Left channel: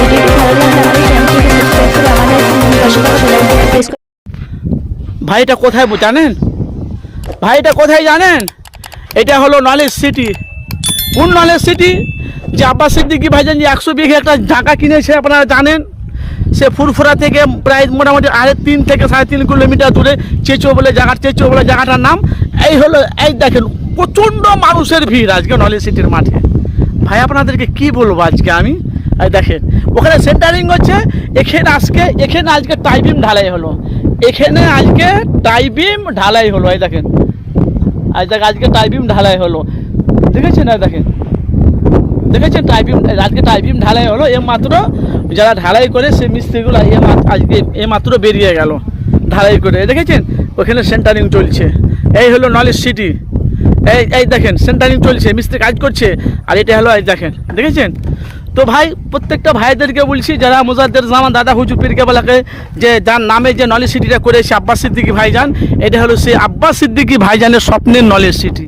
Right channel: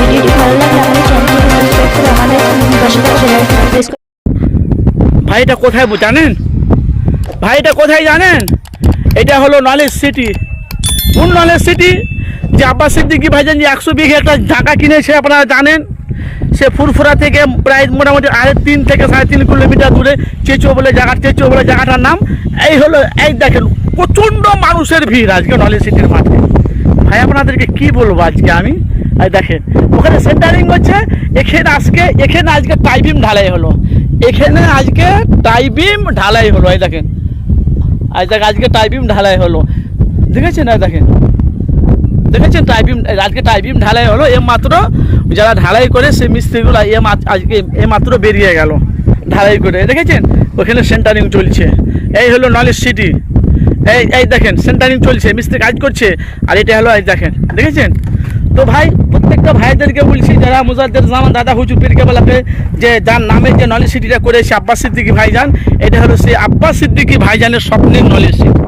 ভিডিওটি ভালো লাগলে আমাদের চ্যানেলটিকে সাবস্ক্রাইব করে আমাদের পাশে থাকা বেল আইকনটি প্রেস করুন। ভাইটা কোথায় জানেন? ভাইটা কোথায় জানেন? এটা হলো নলেজ সিটি। কোন নলেজ সিটি? যে আব্বাস সিদ্দিকী ভাইজান যে 100 বিঘে একটা জায়গা কিনেছে আপনারা জানেন। সে ফুরফুরা থেকে প্রায় মোটামুটি 3 থেকে 3.5 কিলোমিটার দূরে চেচো বলে জায়গাটার নাম। এই হলো, এই দেখেন প্রচণ্ড মানুষের ভিড় আজকে নলেজ সিটির মাঠে। ভাই আপনাদেরকে কি বলবো আজকে আমি, এই দেখেন ওখানে সেন্টারিং হচ্ছে। এখানে আজকে টাইবিম ঢালাই হলো। এই দেখেন আজকে টাইবিম ঢালাই হলো, দেখেছেন? দেখেছেন আজকে টাইবিম ঢালাই হলো। মাত্র যারা ঢালাই করে সে মিস্ত্রিগুলো আজকে মাত্র বেরিয়ে গেল ঢালাই করে, দেখেছেন? ওখানে সেন্টারিং চলছে। এই হলো নলেজ সিটি। এই দেখেন সেন্টারিং চলছে, মিস্ত্রি কাজ করছে। আর এটা হলো দেখেছেন? তো ভাই প্রত্যেকটা ভাইদেরকে বলছি, যারা মুজাদ্দের জামান দাদা হুজুর পীর কেবলাকে যে যার নামে যে নলেজ সিটিটা করেছে আব্বাস সিদ্দিকী ভাইজান, এটা হলো সেই আব্বাস সিদ্দিকী ভাইজানের স্বপ্নের নলেজ সিটি।